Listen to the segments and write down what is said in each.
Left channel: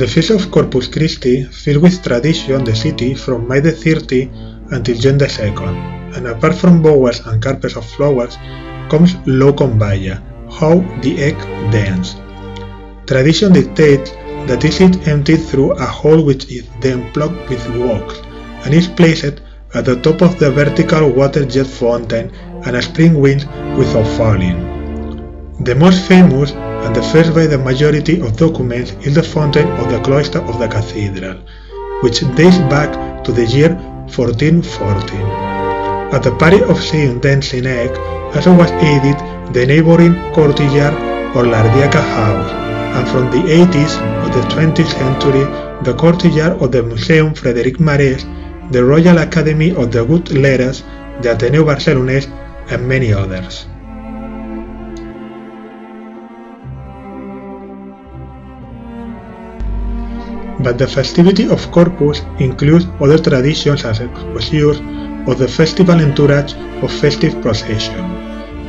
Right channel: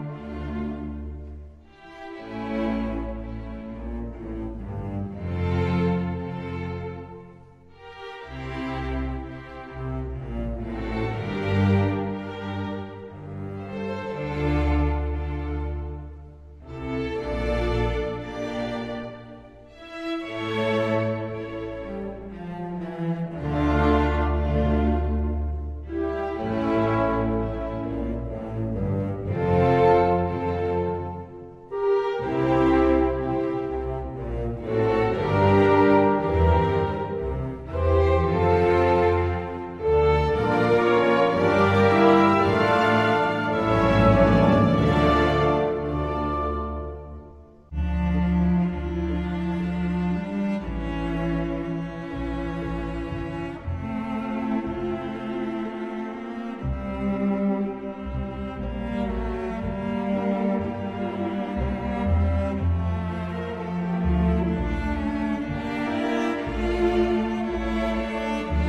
The feast of Corpus Christi filled with tradition the city from May the 30 until June the 2nd, and apart from bowls and carpets of flowers comes low con balla, how the egg dance. Tradition dictates that is it emptied through a hole which is then plugged with wax, and is placed at the top of the vertical water jet fountain and a spring wins without falling. The most famous and the first by the majority of documents is the fountain of the cloister of the Cathedral, which dates back to the year 1440. At the party of seeing dancing egg also was added the neighboring courtyard or Ardiaca house, and from the 80s of the 20th century the courtyard of the Museum Frederic Marès, the Royal Academy of the Good Letters, the Ateneu Barcelonès, and many others. But the festivity of Corpus includes other traditions as exposures of the festival entourage of festive procession.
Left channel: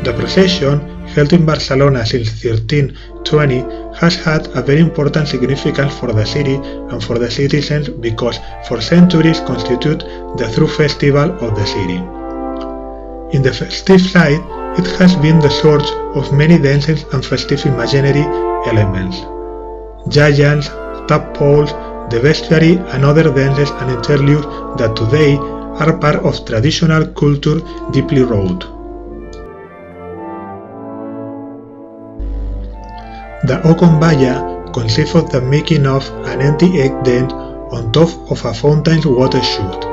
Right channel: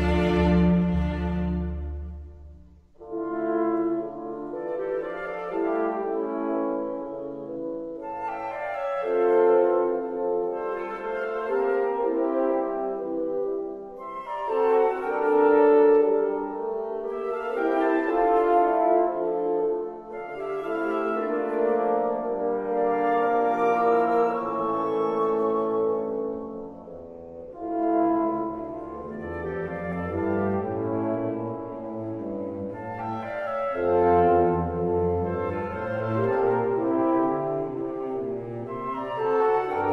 The procession, held in Barcelona since 1320, has had a very important significance for the city and for the citizens because for centuries constitute the true festival of the city. In the festive side, it has been the source of many dances and festive imaginary elements. Giants, tadpoles, the bestiary and other dances and interludes that today are part of traditional culture deeply rooted. The con balla consists of the making of an empty egg dent on top of a fountain's water chute,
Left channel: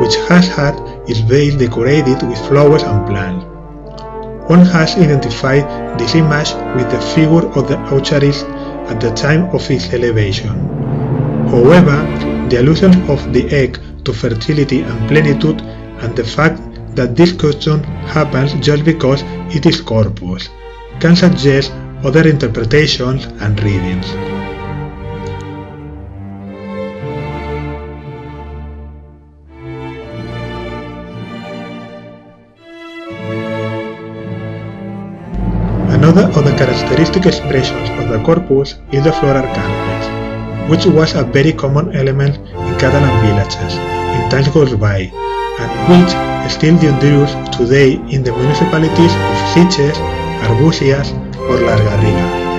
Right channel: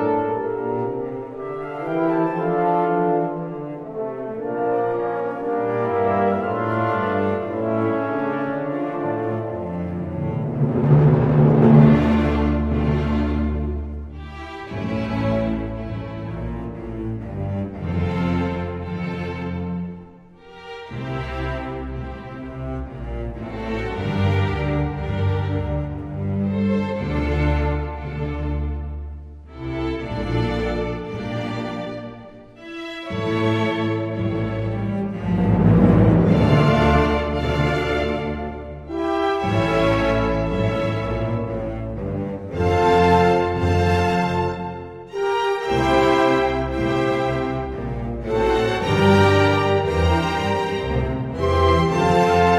which has had its base decorated with flowers and plants. One has identified this image with the figure of the Eucharist at the time of its elevation. However, the allusion of the egg to fertility and plenitude and the fact that this custom happens just because it is Corpus can suggest other interpretations and readings. Another of the characteristic expressions of the Corpus is the floral candles, which was a very common element in Catalan villages in times gone by, and which still endures today in the municipalities of Sitges, Arbúcies or Las Garrigues.